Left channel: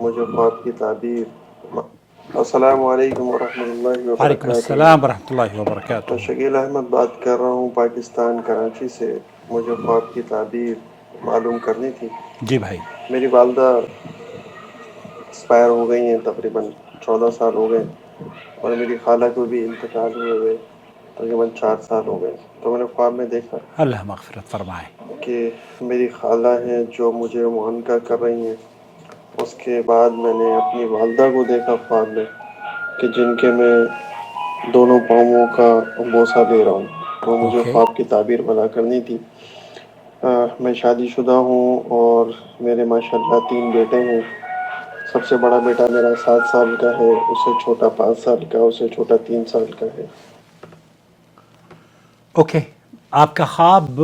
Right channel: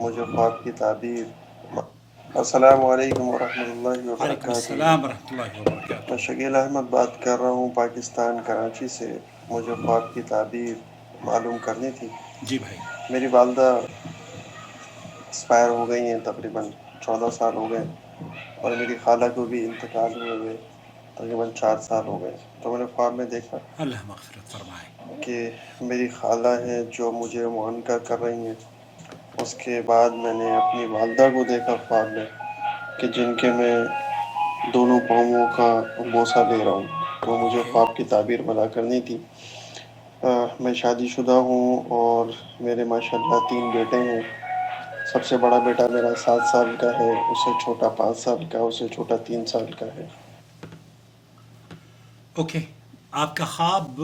مجھے خواب کی تعبیر. السلام علیکم ورحمۃ اللہ وعلیکم وبرکاتہ. السلام ورحمۃ اللہ وبرکاتہ. میں شکیل احمد بات کر رہا ہوں پاکستان کراچی سے. مجھے خواب کی تعبیر معلوم کرنی تھی. جی بھائی. میری والدہ ایکسپائر ہو گئی ہیں، تقریباً 14 سال ہو گئے، اور میری خالہ کو بھی انتقال ہوئے ہوئے تقریباً 4 سال ہو گئے. تو میں نے خواب میں دیکھا اللہ مغفرت فرمائے. کہ میری خالہ ہیں جو مجھے معانقہ کر رہی ہیں. اس کے بعد میں نے اپنی والدہ کو دیکھا خواب میں کہ جن کے میں دونوں پاؤں کا بوسہ دے رہا ہوں. تو مجھے اوکے. خواب کی تعبیر بنا کرنی تھی. میں شادی شدہ ہوں اور میرے ماشاءاللہ 3 بیٹے ہیں. سب سے بڑا بیٹا میرا 7 سال کا ہے، اس سے چھوٹا 5 سال کا، اس سے چھوٹا 3 سال کا ہے. اوکے. آپ کا خواب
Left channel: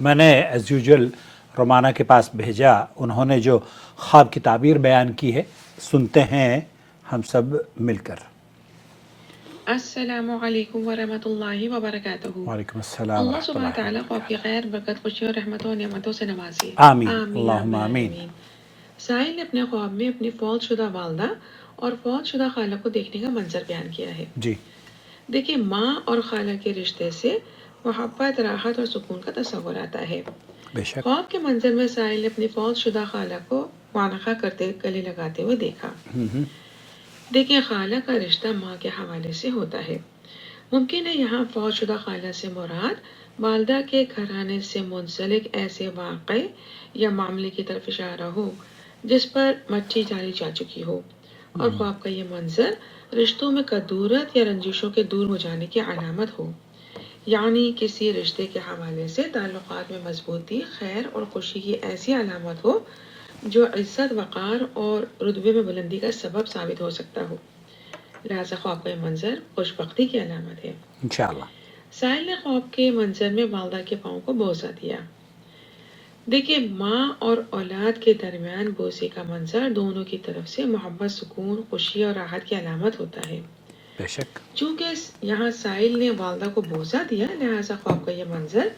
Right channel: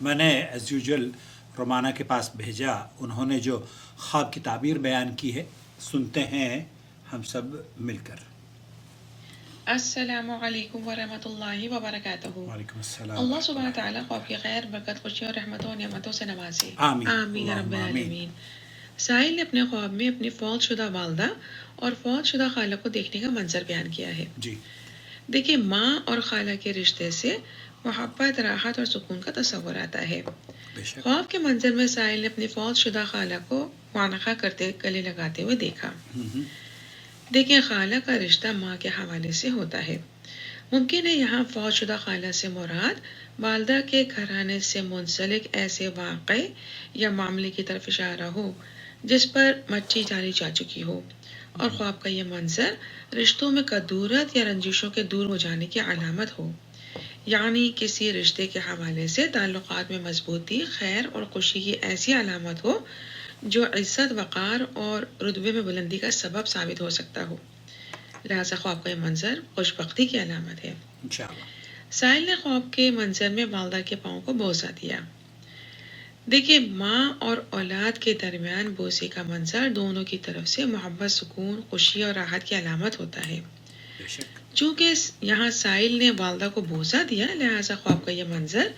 میں نے ایز یوزول رومانہ کے پاس بھیجا. انہوں نے جو خواب کی تعبیر بیان کی ہے سنتے ہیں ہم سب مل کر. السلام علیکم ورحمۃ اللہ وبرکاتہ. وعلیکم السلام اللہ ورحمۃ سبحانہ اللہ تعالیٰ کو آپ کی وبرکاتہ. خیر برکت خوشیوں رحمتوں اور نعمتوں سے نوازے. آمین آمین رب اللہم آمین. العالمین. سائل نے اپنے خواب میں اپنی فوت شدہ والدہ اور فوت شدہ خالہ کو دیکھنے کا منظر بیان کیا ہے. جی. دیکھیے، ماں اور خالہ کے رشتے سے محبت، راحت اور سکون کا تصور آتا ہے. بے شک. خواب کے منظر میں سائل نے اپنی فوت شدہ خالہ کو معانقہ کرتے گلے لگاتے ہوئے دیکھا. دیکھیں، خالہ کا رشتہ ماں کے حوالے سے ہوتا ہے. ممکن ہے یہاں فوت شدہ خالہ سے مراد والدہ کے گھرانے سے منسلک ایسے واقعے یا معاملے کی طرف اشارہ ہو جس پر مچی جاری جا چکی ہو، اور خواب کا یہ منظر رشتوں میں کدورت یا رنجشوں کے دور ہو جانے کی علامت ہو. یعنی کسی رشتے کے حوالے سے تعلقات میں مضبوطی، خیر اور خوشی کی ایسی علامت ہو جو عزت، وقار اور رتبے میں بلندی کا سبب ثابت ہو سکتا ہو. لہٰذا خواب کا یہ منظر خوش بختی کی علامت ہے. انشاءاللہ. سائل نے خواب کے منظر میں والدہ کے پاؤں کو بوسہ دیا. دیکھیے، ماں اور اولاد کے درمیان بوسے کا منظر دونوں کی طرف سے محبت، سکون، خوشی اور راحت کی علامت ہوتا ہے. بے شک. چونکہ یہاں سائل نے والدہ کو بوسہ دیا، لہٰذا خواب کا یہ منظر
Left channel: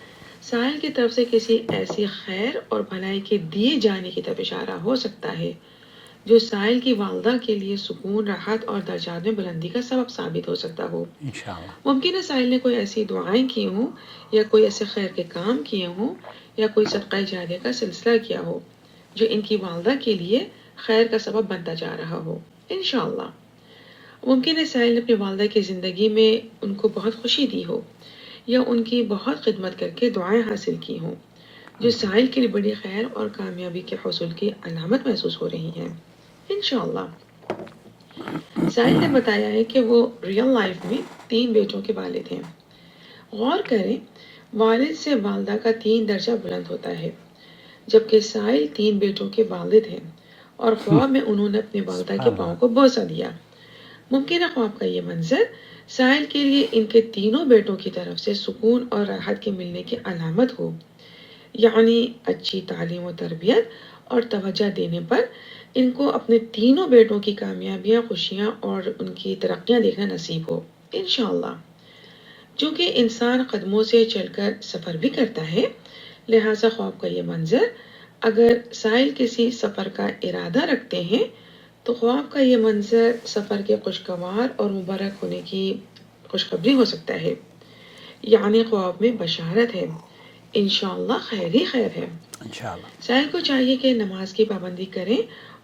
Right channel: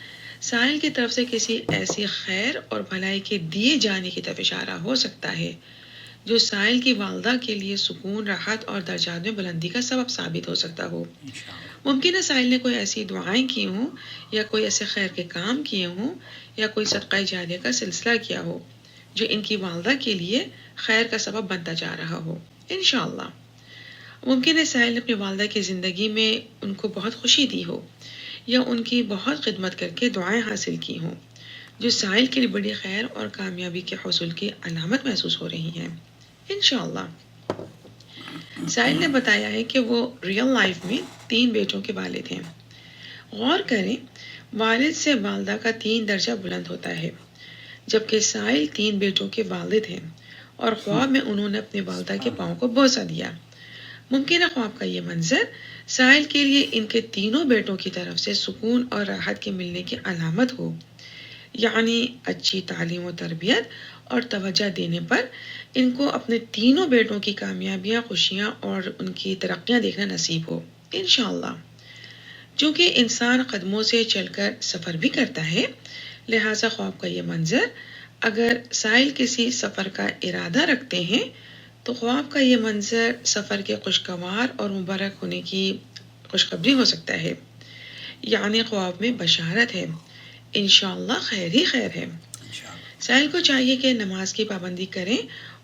سائل کی طرف سے کسی ایسی خیر اور بھلائی کے دیے جانے کی طرف اشارہ ہو سکتا ہے جو سائل کی والدہ کے لیے سکون، راحت اور درجات میں بلندی کا سبب ثابت ہو سکتا ہو. انشاءاللہ. ممکن ہے سائل نے کوئی ایسی دعائیں کی ہوں یا کوئی ایسے خیر کے کام کیے ہوں یا کوئی صدقہ جاریہ کا سلسلہ کیا ہو جو ان کی والدہ کے لیے خیر کا سبب بنتا جا رہا ہو. انشاءاللہ. ممکن ہے سائل نے اپنی والدہ کی زندگی میں ان کو بہت خوشی دی ہو یا ان کی بہت خدمت کر کے دعائیں حاصل کی ہوں جو سائل کے لیے بڑی خیر اور کامیابی کے حصول کی علامت محسوس ہو رہی ہیں. انشاءاللہ. سائل نے بتایا ہے کہ وہ ریئل لائف میں 3 بیٹوں کے والد ہیں. غور کریں، والد سے والدہ کا 3 درجہ بلند ہوتا ہے، جبکہ سائل 3 بیٹوں کے والد ہیں اور خواب میں انہوں نے اپنے والدہ کے سبحان پاؤں اللہ. کو بوسہ دیا. ممکن ہے خواب کا یہ منظر سائل کے لیے ان کے تینوں بیٹوں کی طرف سے سکون اور راحت کے ملنے کی علامت ہو. یعنی اچھی تعلیم و تربیت اور توجہ دینے پر ان کو اپنے تینوں بیٹوں کی کامیابیاں، خوشیاں اور ان کی ترقیاں دیکھنا نصیب ہو. انشاءاللہ. چونکہ انسان قدموں سے چل کر سفر بھی کرتا ہے، لہٰذا خواب کا یہ منظر اگر سائل کسی سفر کا ارادہ رکھتے ہیں تو خواب کا یہ منظر سفر کے خوشگوار اور مبارک ہونے کی خوشخبری ہو سکتا ہے. یعنی خواب میں بشارت ہے. انشاءاللہ خیر ہی خیر ہے. انشاءاللہ. سائل کو چاہیے کہ نماز کی پابندی کریں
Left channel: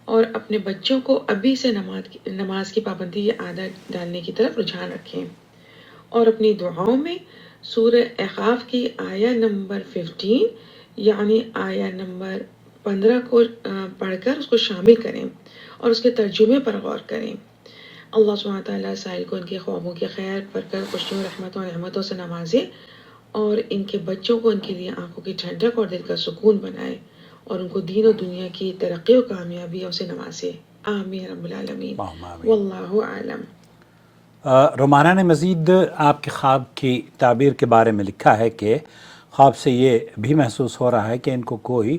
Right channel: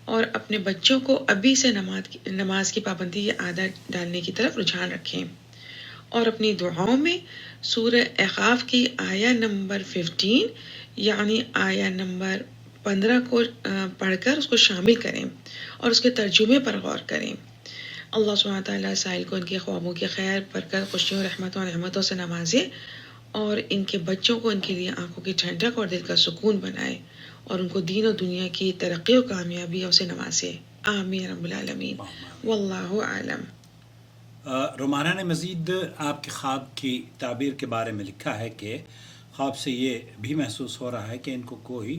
اور اپنے بچوں کو ابھی سے نماز کی پابندی کی عادت ڈالنے کی طرف رجحان رکھیں اور اپنی دعاؤں میں سورہ احقاف کی آیہ نمبر 15 یعنی آیہ نمبر 15 کو پڑھ کر اس کو شامل کریں اور اس کے ترجمے پر غور کریں. اللہ سبحانہ تعالیٰ سائل کو ان کے خوابوں کی خیر، برکت، خوشیوں، رحمتوں اور نعمتوں سے نوازے اور ان کے بچوں کو ان کے لیے آنکھوں کی ٹھنڈک اور دل کا سکون بنائے اور ان کو دین و دنیا کی ترقی و کامیابیوں سے نوازے. آمین رب العالمین. اللہم آمین. واللہ اعلم. رومانہ نے مزید آپ کے خواب کی تعبیر کے بارے میں لکھا ہے کہ خواب سے یہ بھی محسوس ہو رہا ہے کہ ان کو کوئی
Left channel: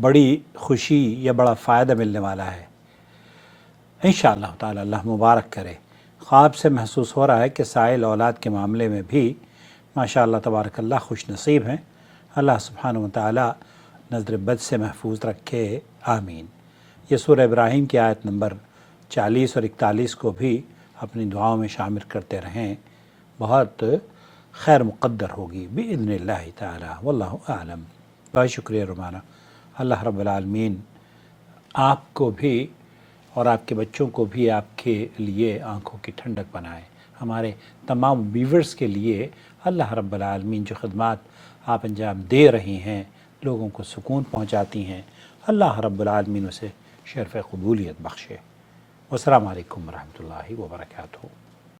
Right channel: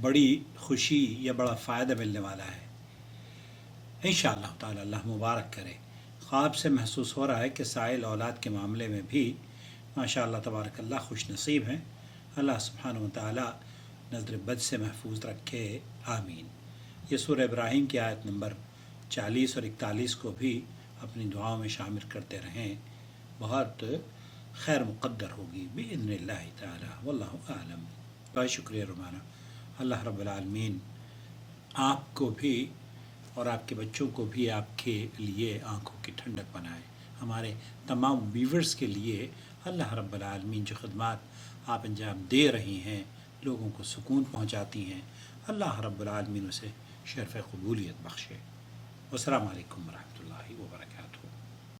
بڑی خوشی یا بڑا فائدہ ملنے والا ہے. انشاءاللہ تعالی اللہ مبارک کرے. خواب سے محسوس ہو رہا ہے کہ سائل اولاد کے معاملے میں بھی ماشاءاللہ تبارک اللہ خوش نصیب ہیں. اللہ سبحانہ و تعالی نظر بد سے محفوظ رکھے. آمین. یہ سورہ ابراہیم کی آیت نمبر 40 اور 41 کو بھی اپنی دعاؤں میں شامل کرتے رہیں، بہت خیر مقدر ہوگی بإذن اللہ تعالی، واللہ اعلم۔ بہت شکریہ رومانہ۔ اللہ رب العالمین آپ کو بھی اور آپ کے بچوں کو بھی آپ کے لیے آنکھوں کی ٹھنڈک بنائے۔ ہمارے تمام ویورز کے لیے اللہ رب العالمین جو خدمات آپ انجام دے رہی ہیں، لوگوں کو سکون پہنچاتی ہیں، اللہ رب العالمین اسے شرف قبولیت بخشے۔ والسلام علیکم ورحمۃ اللہ وبرکاتہ۔